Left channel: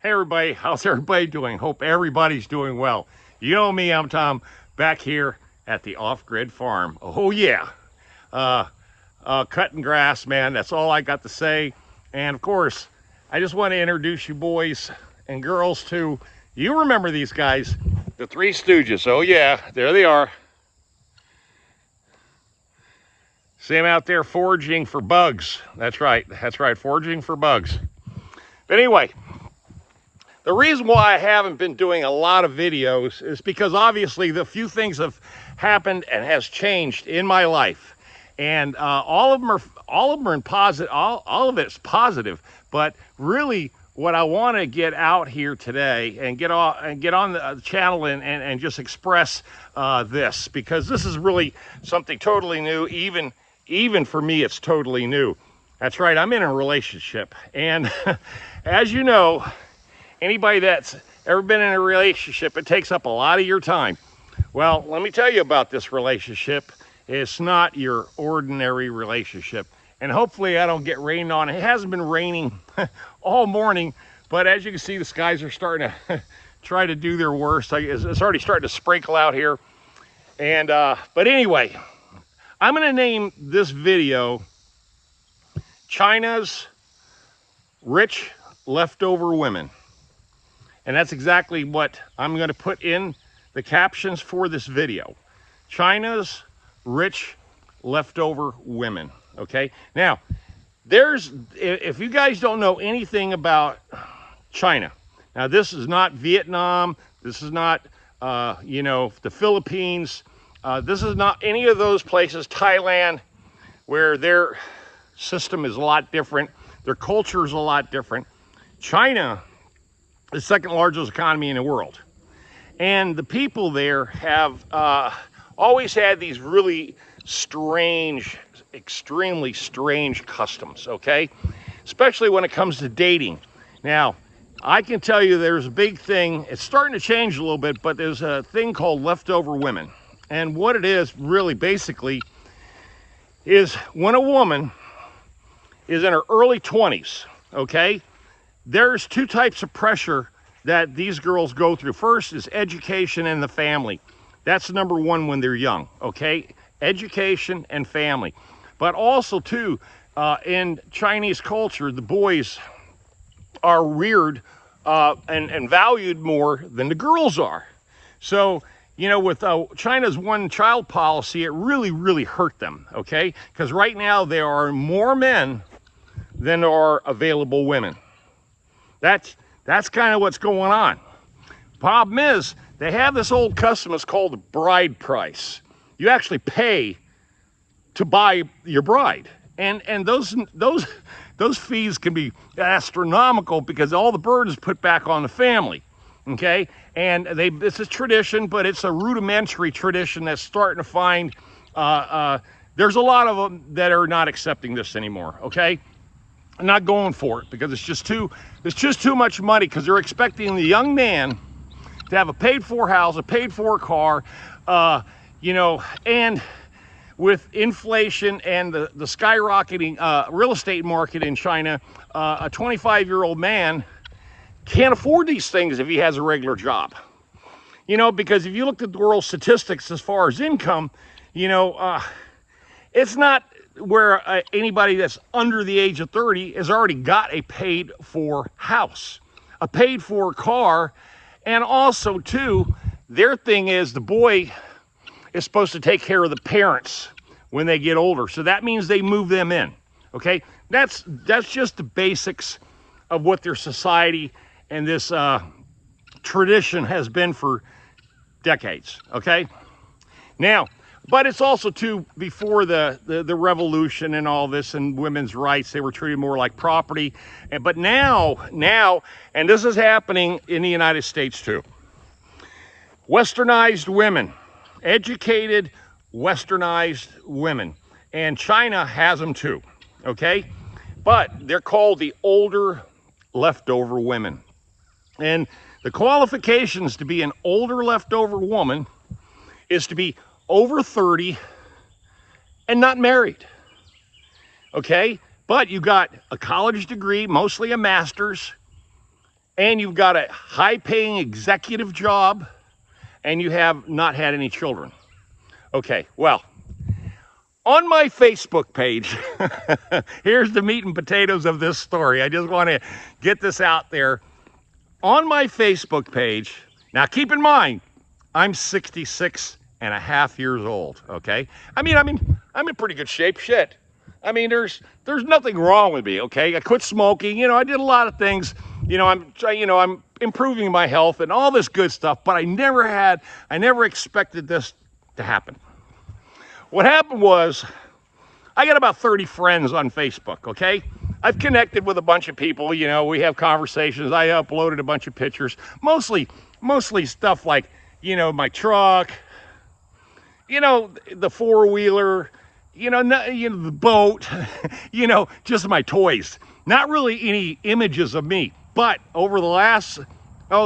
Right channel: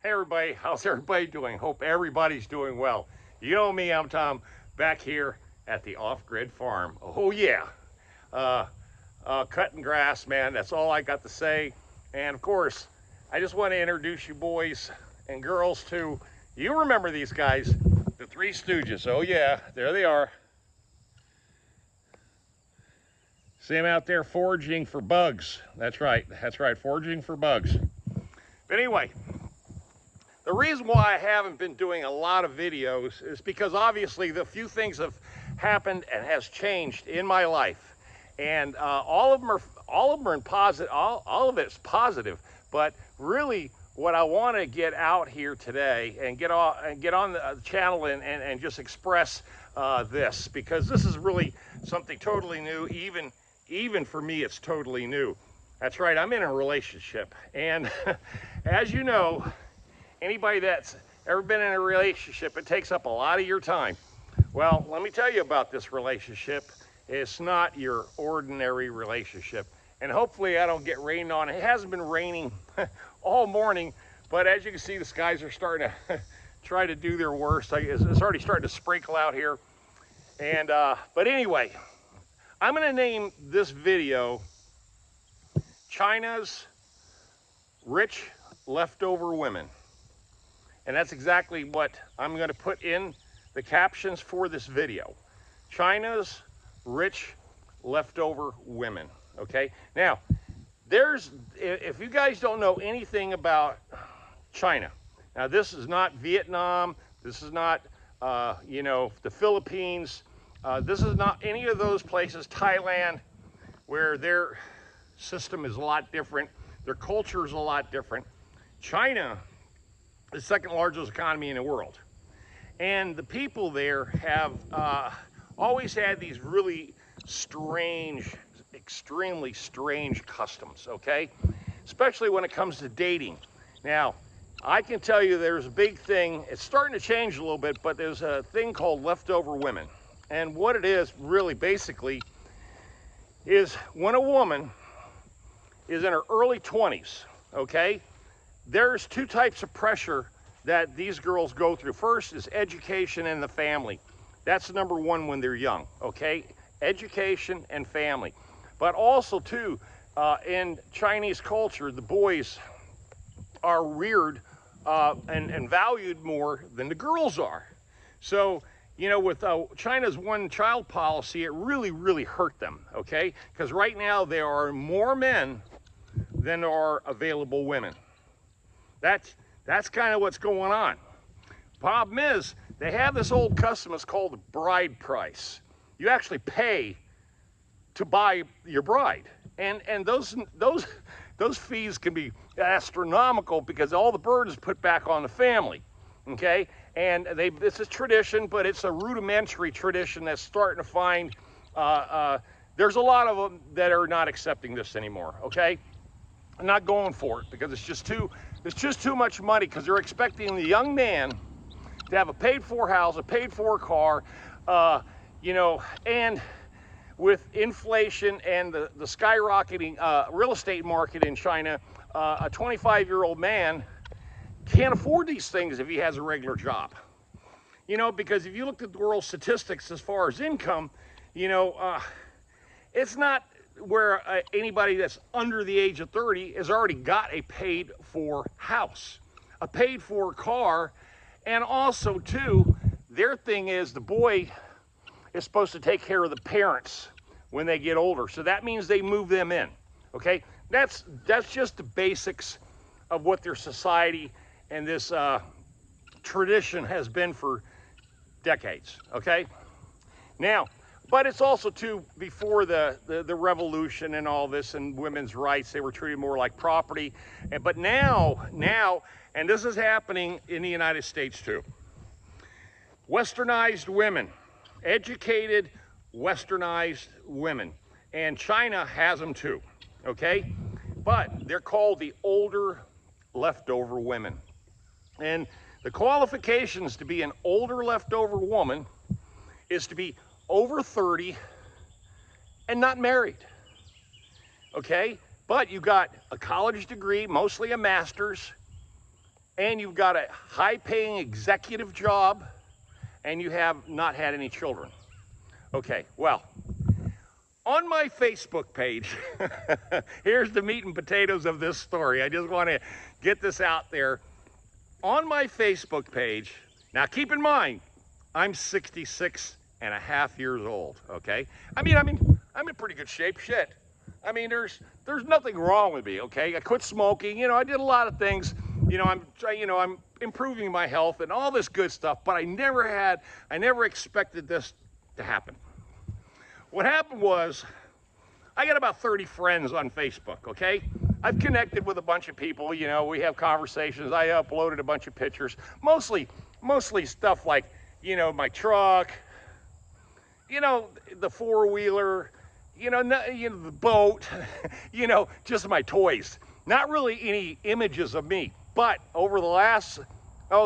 Hey everybody, how's everybody doing? Hope everybody's doing well. You know me, I'm Tom, back here at the off-grid farm. Oh yeah, uh, cutting grass, man, that's all I got to say. And of course, I just want to introduce you boys and girls to, you remember these guys, the Three Stooges. Oh yeah, there they are. See them out there foraging for bugs. That's right, foraging for bugs. But anyway, the reason why I haven't been doing a lot of videos is because obviously the few things have happened and has changed in my life, and all of them are in positive. All of it's positive, but really, what I want to get out here today and get on the channel and just express this, because this is really something totally new. Even for me, it's totally new. That's right. I'm in a relationship, and as you know. Anybody that's ever been in a relationship, it takes up a lot of your time. Well, let me tell you about this relationship. It's not your ordinary relationship. And hopefully I don't get rained on. It hasn't been raining all morning, but as you can see, the skies are starting to try to do their worst. It's already starting to sprinkle out here. And but anyway, I'm gonna name this video China's Rich Leftover Women. And that's exactly what I'm going to put in the captions for this video. China's Rich Leftover Women, okay? Now, if you guys don't know anything about China, now this is not Vietnam, this is not, the Philippines, this is not any of those places, Thailand, where their system is a lot different, their culture is a lot different. China, the second largest economy in the world. And the people there have always had these really strange, extremely strange customs, okay? Especially when it comes to dating. Now, I can tell you there's a big thing, it's starting to change a little bit, but there's a thing called leftover women. And what it is really basically is when a woman is in her early 20s, okay? There's two types of pressure that these girls go through. First is education and the family. That's number one when they're young, okay? Education and family. But also too, in Chinese culture, the boys are reared and valued more than the girls are. So, you know, with China's one-child policy, it really, really hurt them, okay? Because right now there are more men than there are available women. That's kind of what's going on. Problem is, they have this old custom, it's called the bride price. You actually pay to buy your bride. And those fees can be astronomical because all the burden is put back on the family, okay? And it's a tradition, but it's a rudimentary tradition that's starting to find, there's a lot of them that are not accepting this anymore, okay? Not going for it because it's just too much money, because they're expecting the young man to have a paid-for house, a paid-for car, and with inflation and the skyrocketing real estate market in China, a 25-year-old man can't afford these things if he has a regular job. You know, because if you looked at the world statistics as far as income, it's not where anybody that's under the age of 30 has already got a paid-for house, a paid-for car, and also too, their thing is the boy is supposed to take care of the parents when they get older. So that means they move them in, okay? That's just the basics of what their society and this tradition has been for decades, okay? Now, but it's also too, before the revolution and all this and women's rights, they were treated more like property. But now, and this is happening in the United States too, westernized women, educated, westernized women, and China has them too, okay? But they're called the older leftover women. And the qualifications to be an older leftover woman is to be over 30 and not married, okay? But you got a college degree, mostly a master's, and you've got a high-paying executive job, and you have not had any children. Okay, well, on my Facebook page, here's the meat and potatoes of this story. I just want to get this out there. On my Facebook page, now keep in mind, I'm 66 and a half years old, okay? I'm in pretty good shape, shit. I mean, there's nothing wrong with me, okay? I quit smoking, you know, I did a lot of things. I'm improving my health and all this good stuff, but I never expected this to happen. What happened was, I got about 30 friends on Facebook, okay? I've connected with a bunch of people, you know, we have conversations. I uploaded a bunch of pictures, mostly stuff like, you know, my truck, you know, the four-wheeler, the boat, you know, just my toys. Not really any images of me, but over the last,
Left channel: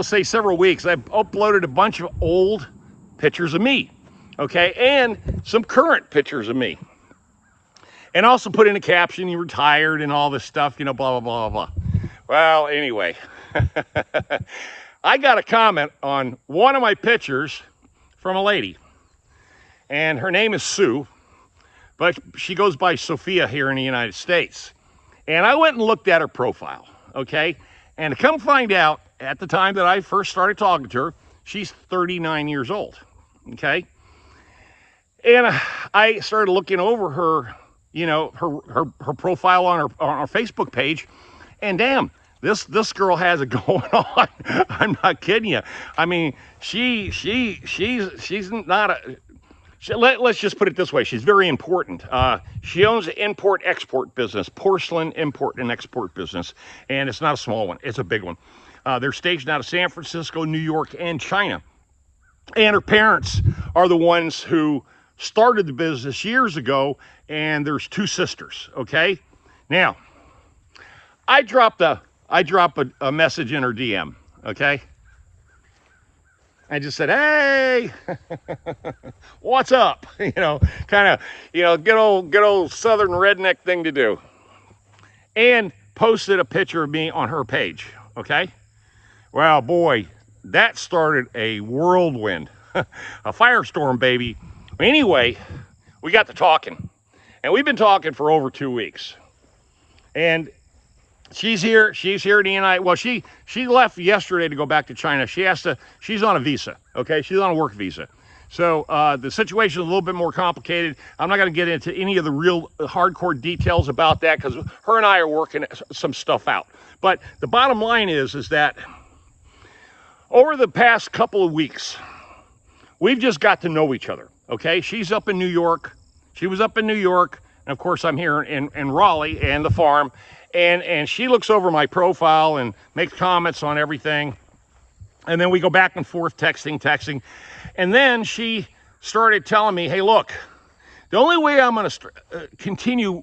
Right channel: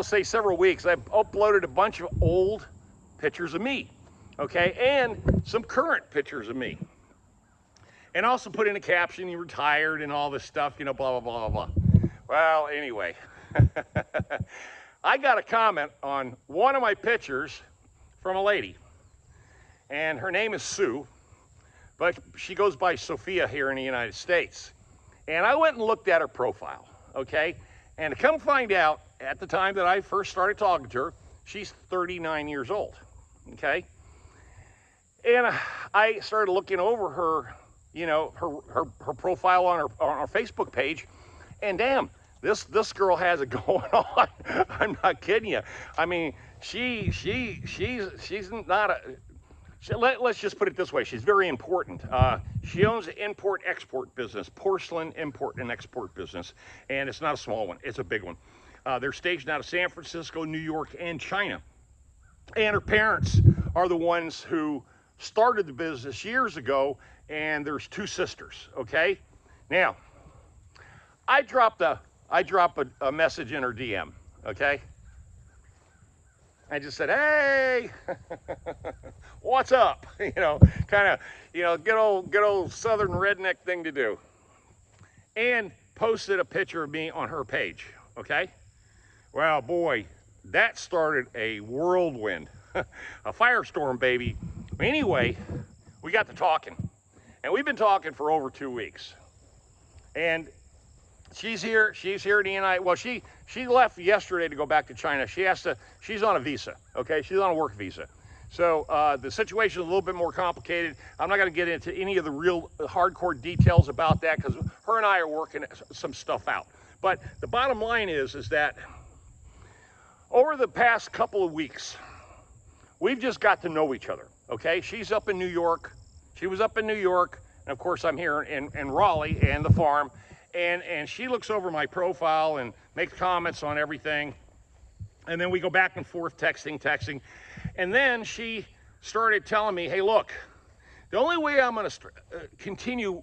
say several weeks, I've uploaded a bunch of old pictures of me, okay, and some current pictures of me. And also put in a caption, "You retired," and all this stuff, you know, blah, blah, blah, blah. Well, anyway, I got a comment on one of my pictures from a lady, and her name is Sue, but she goes by Sophia here in the United States. And I went and looked at her profile, okay? And to come find out, at the time that I first started talking to her, she's 39 years old, okay? And I started looking over her, you know, her profile on her Facebook page, and damn, this girl has it going on. I'm not kidding you. I mean, she's not a. Let's just put it this way. She's very important. She owns an import-export business, porcelain import and export business, and it's not a small one. It's a big one. They're stationed out of San Francisco, New York, and China. And her parents are the ones who started the business years ago, and there's two sisters, okay? Now, I drop a message in her DM, okay? I just said, "Hey, what's up?" You know, kind of, you know, good old southern redneck thing to do. And posted a picture of me on her page, okay? Well, boy, that started a whirlwind, a firestorm, baby. Anyway, we got to talking, and we've been talking for over 2 weeks. And she's here in the United. Well, she left yesterday to go back to China. She's on a visa, okay? She's on a work visa. So the situation is a little bit more complicated. I'm not going to get into any of the real hardcore details about that, because her and I are working some stuff out. But the bottom line is that over the past couple of weeks, we've just got to know each other, okay? She's up in New York. She was up in New York. And of course, I'm here in Raleigh and the farm. And she looks over my profile and makes comments on everything. And then we go back and forth, texting. And then she started telling me, "Hey, look, the only way I'm going to continue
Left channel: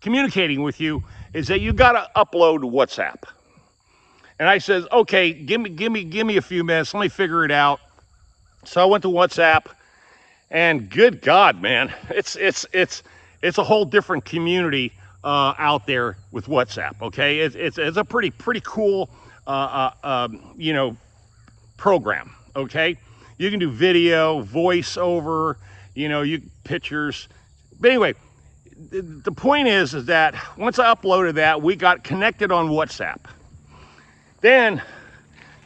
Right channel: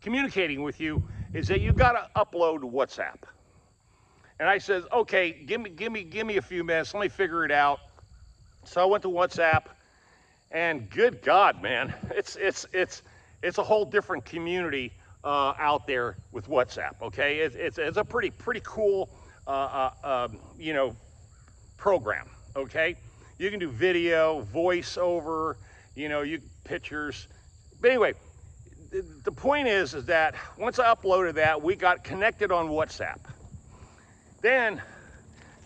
communicating with you is that you got to upload WhatsApp." And I said, "Okay, give me a few minutes. Let me figure it out." So I went to WhatsApp, and good God, man, it's a whole different community out there with WhatsApp. Okay, it's a pretty cool you know, program. Okay, you can do video, voiceover, you know, pictures. But anyway, the point is that once I uploaded that, we got connected on WhatsApp. Then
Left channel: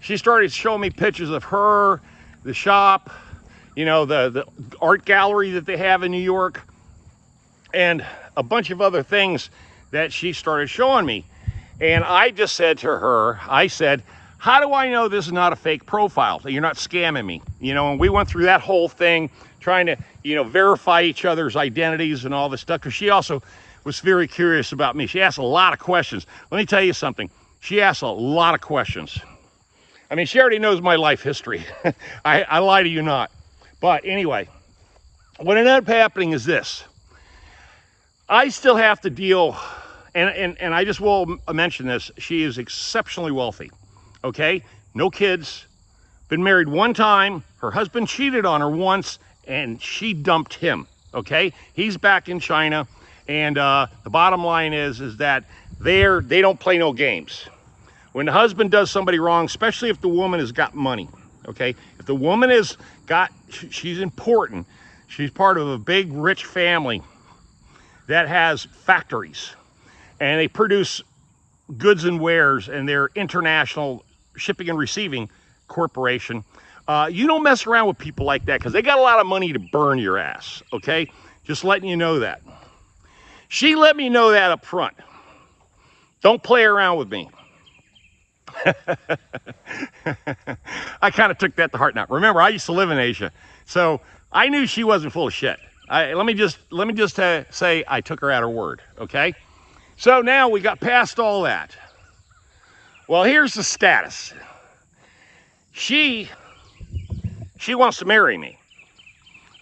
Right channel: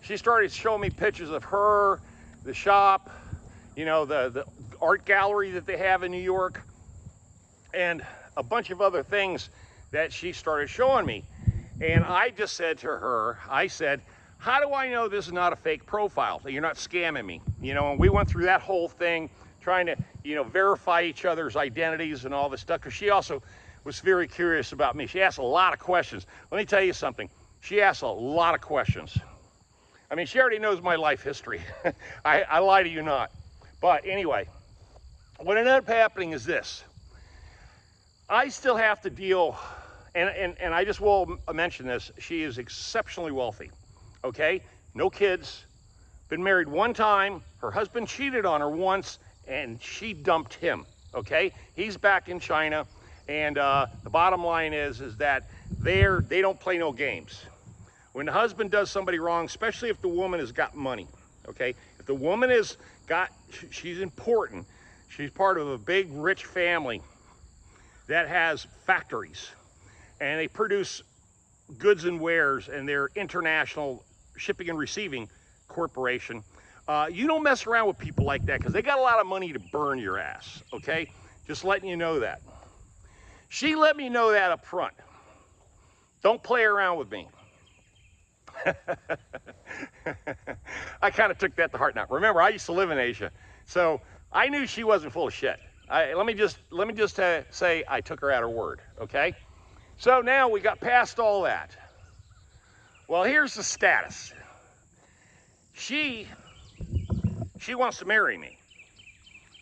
she started showing me pictures of her, the shop, you know, the art gallery that they have in New York, and a bunch of other things that she started showing me. And I just said to her, I said, "How do I know this is not a fake profile, that you're not scamming me?" You know, and we went through that whole thing, trying to, you know, verify each other's identities and all this stuff, because she also was very curious about me. She asked a lot of questions. Let me tell you something. She asked a lot of questions. I mean, she already knows my life history. I lie to you not. But anyway, what ended up happening is this. I still have to deal, and I just will mention this, she is exceptionally wealthy, okay? No kids, been married one time, her husband cheated on her once, and she dumped him, okay? He's back in China, and the bottom line is that they don't play no games. when the husband does somebody wrong, especially if the woman has got money, okay? If the woman has got, she's important, she's part of a big rich family that has factories and they produce goods and wares, and they're international shipping and receiving corporation. You don't mess around with people like that because they got a lot of money to burn your ass, okay? Just letting you know that. She let me know that up front. Don't play around with me. I kind of took that to heart now. Remember, I used to live in Asia, so I knew she wasn't full of shit. Let me just say I took her at her word, okay? So now we got past all that. Well, here's the status. She wants to marry me,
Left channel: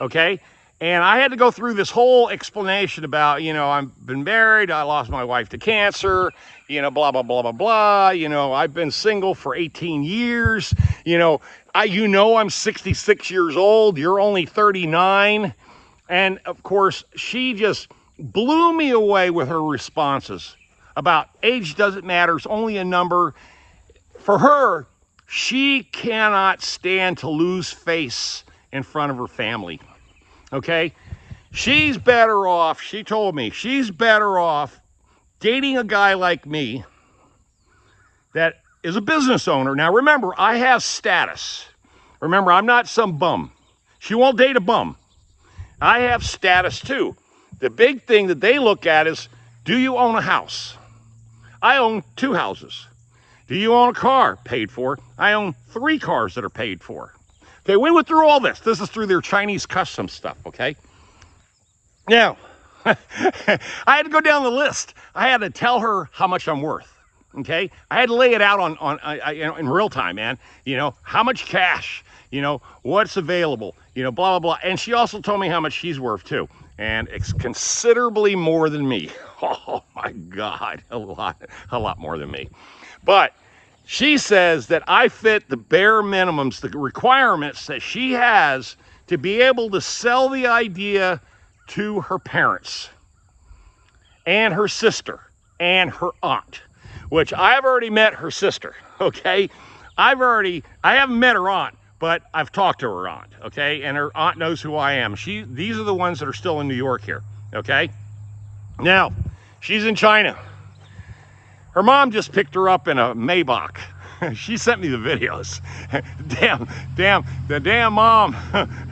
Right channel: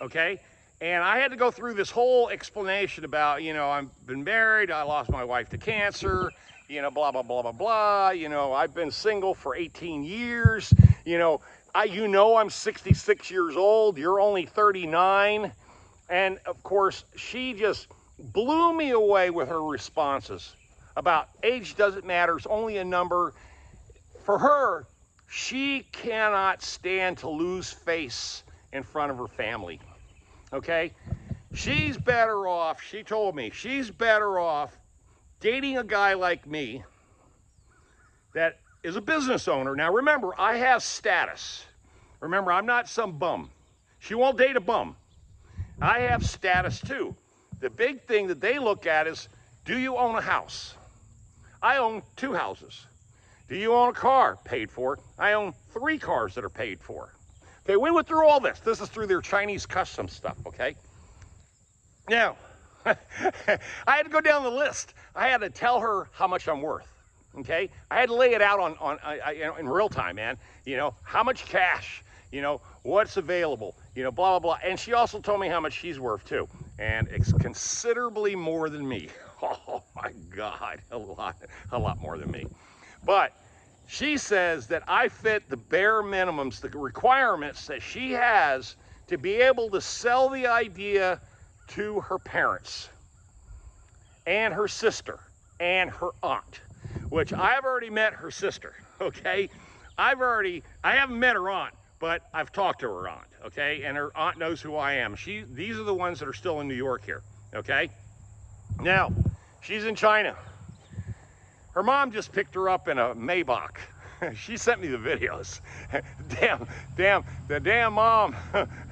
okay? And I had to go through this whole explanation about, you know, I've been married, I lost my wife to cancer, you know, blah, blah, blah, blah, blah. You know, I've been single for 18 years. You know, I'm 66 years old, you're only 39. And of course, she just blew me away with her responses about age doesn't matter, it's only a number. For her, she cannot stand to lose face in front of her family, okay? She's better off, she told me, she's better off dating a guy like me that is a business owner. Now remember, I have status. Remember, I'm not some bum. She won't date a bum. I have status too. The big thing that they look at is, do you own a house? I own 2 houses. Do you own a car? Paid for. I own 3 cars that are paid for. Okay, we went through all this. This is through their Chinese customs stuff, okay? Now, I had to go down the list. I had to tell her how much I'm worth, okay? I had to lay it out in real time, man. You know, how much cash, you know, what's available, you know, blah, blah, blah. And she also told me how much she's worth too. And it's considerably more than me. Oh my God, a lot more than me. But she says that I fit the bare minimums, the requirements that she has to be able to sell the idea to her parents and her sister and her aunt, which I've already met her sister, okay? I haven't met her aunt, but I've talked to her aunt, okay? And her aunt knows who I am. These are the ones that are still in New York here, okay? Now, she's in China. Her mom just picked her up in a Maybach. She sent me the videos. The damn mom,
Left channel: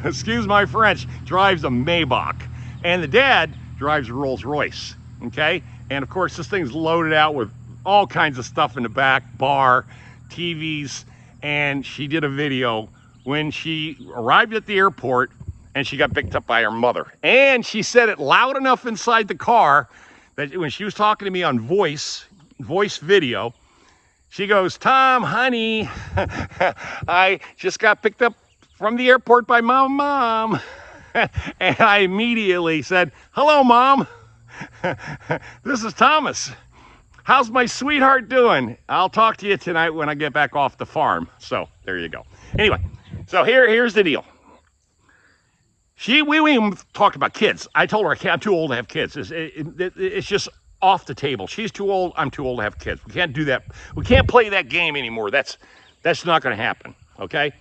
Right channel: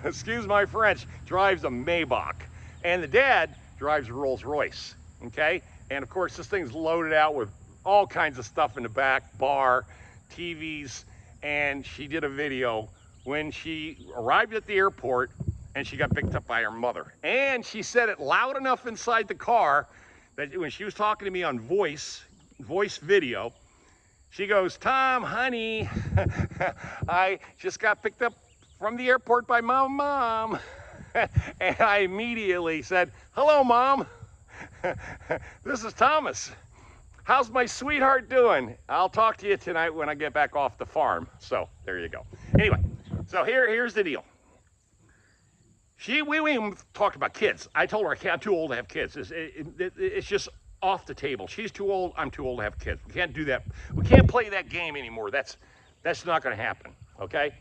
excuse my French, drives a Maybach. And the dad drives a Rolls Royce, okay? And of course, this thing's loaded out with all kinds of stuff in the back, bar, TVs, and she did a video when she arrived at the airport and she got picked up by her mother. And she said it loud enough inside the car that when she was talking to me on voice video, she goes, "Tom, honey, I just got picked up from the airport by my mom." And I immediately said, "Hello, Mom. This is Thomas. How's my sweetheart doing? I'll talk to you tonight when I get back off the farm." So there you go. Anyway, so here's the deal. We even talked about kids. I told her I'm too old to have kids. It's just off the table. She's too old, I'm too old to have kids. We can't do that. We can't play that game anymore. That's not going to happen, okay?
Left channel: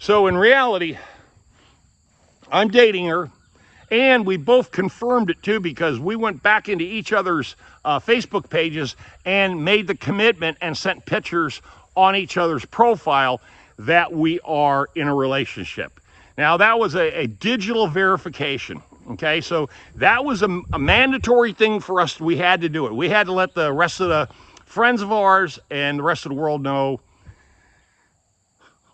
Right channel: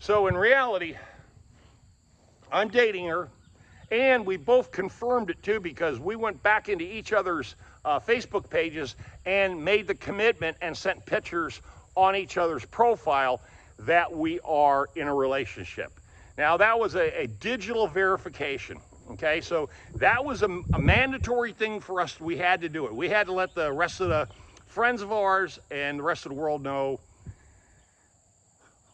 So in reality, I'm dating her, and we both confirmed it too, because we went back into each other's Facebook pages and made the commitment and sent pictures on each other's profile that we are in a relationship. Now that was a digital verification. Okay, so that was a mandatory thing for us. We had to do it. We had to let the rest of the friends of ours and the rest of the world know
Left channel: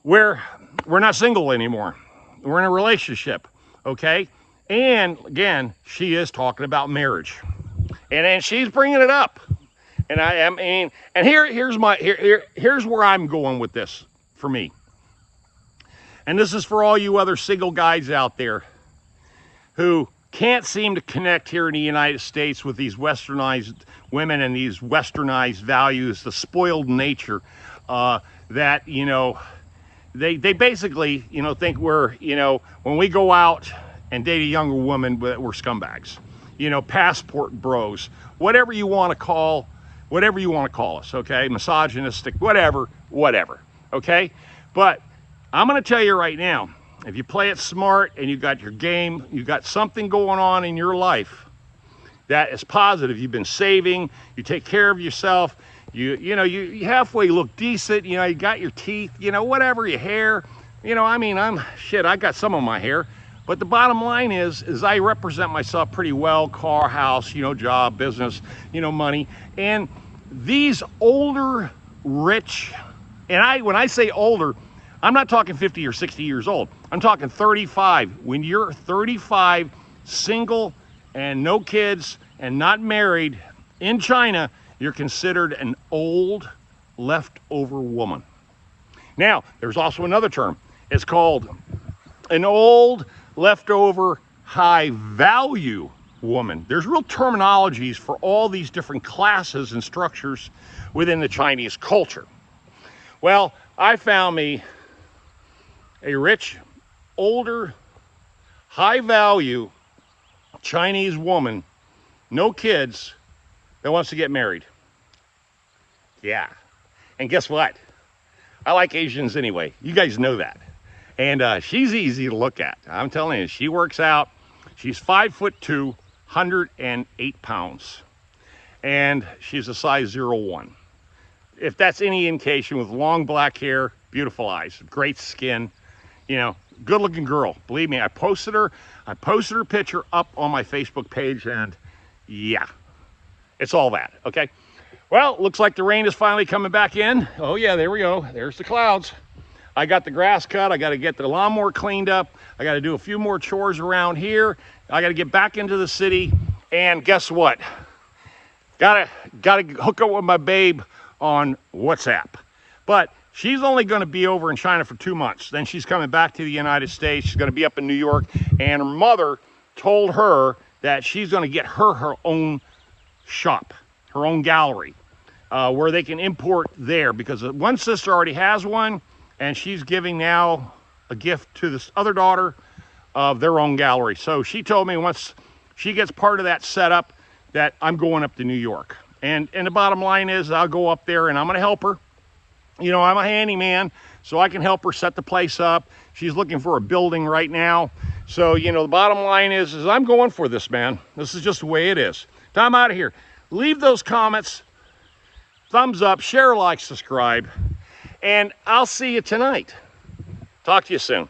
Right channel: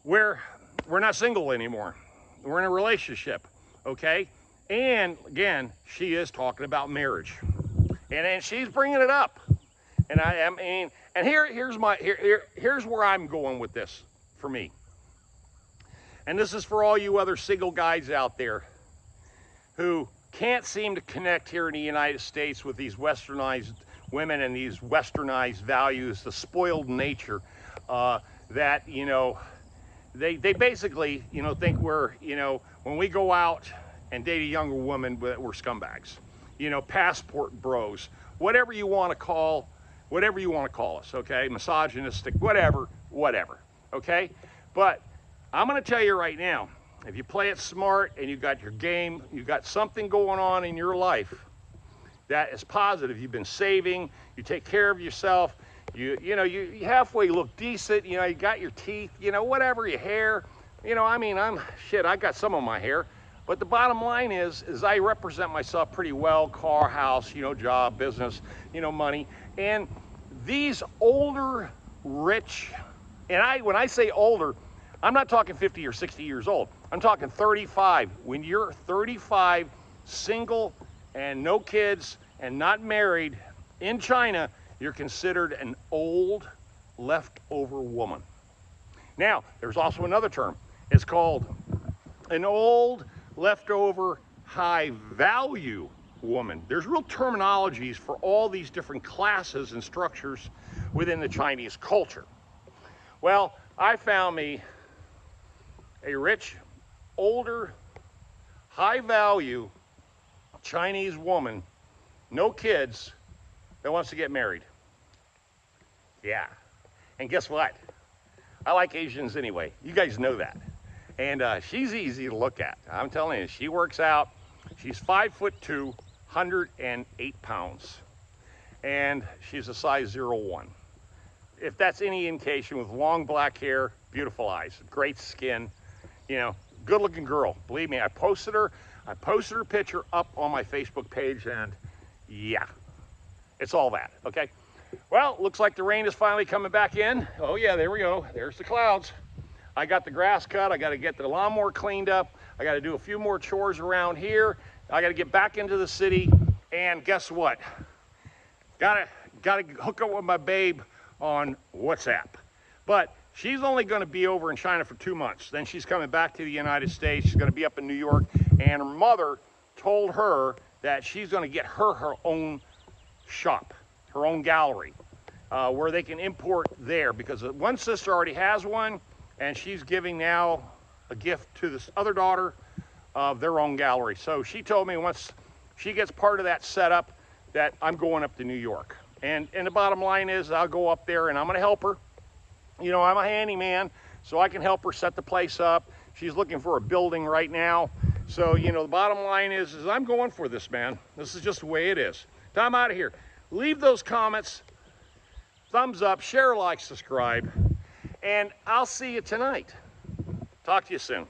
we're not single anymore. We're in a relationship, okay? And again, she is talking about marriage, and she's bringing it up. And here's where I'm going with this for me. And this is for all you other single guys out there who can't seem to connect here in the United States with these westernized women and these westernized values, the spoiled nature that, you know, they basically, you know, think we're, you know, when we go out and date a younger woman, we're scumbags, you know, passport bros, whatever you want to call whatever you want to call us, okay? Misogynistic, whatever, okay? But I'm going to tell you right now, if you play it smart and you got your game, you got something going on in your life that is positive, you've been saving, you take care of yourself, you halfway look decent, you got your teeth, whatever, your hair, I mean, I got some of my hair, but the bottom line is I represent myself pretty well, car, house, job, business, money, and these older, rich, and when I say older, I'm not talking 50 or 60 years old. I'm talking 35. When you're 35, single, and no kids, and not married, in China, you're considered an old, leftover woman. Now, there's also another term. It's called an old, leftover, high-value woman. There's real terminologies for all these different classes and structures within the Chinese culture. Well, I found me a rich, older, high-value Chinese woman, no kids, that wants to get married. Yeah. And guess what? I like Asians anyway. You guys know that. And she's easy to look at. I'm telling you, she works out. She's 5'2", 108 pounds. And she's a size 01. If that's any indication, with long black hair, beautiful eyes, great skin, good looking girl. Believe me, I posted her picture up on my Facebook page, and yeah, it's all that, okay? Well, looks like the rain is finally coming back in. Oh yeah, there we go. There's the clouds. I got the grass cut. I got to get the lawnmower cleaned up. I got to do a few more chores around here. I got to get back into the city. And guess what? Got to hook up with my babe on WhatsApp. But she's only going to be over in China for 2 months. Then she's coming back to the United States. She's going to be up in New York. And her mother told her that she's going to get her own shop, her own gallery, where they can import there. Because one sister already has one, and she's giving now a gift to this other daughter of their own gallery. So she told me once she gets part of that setup that I'm going up to New York. And the bottom line is I'll go up there and I'm going to help her. I'm a handyman, so I can help her set the place up. She's looking for a building right now. So, the bottom line is I'm going for this, man. This is just the way it is. So I'm out of here. Leave those comments, thumbs up, share, like, subscribe, and I'll see you tonight. Talk to you soon.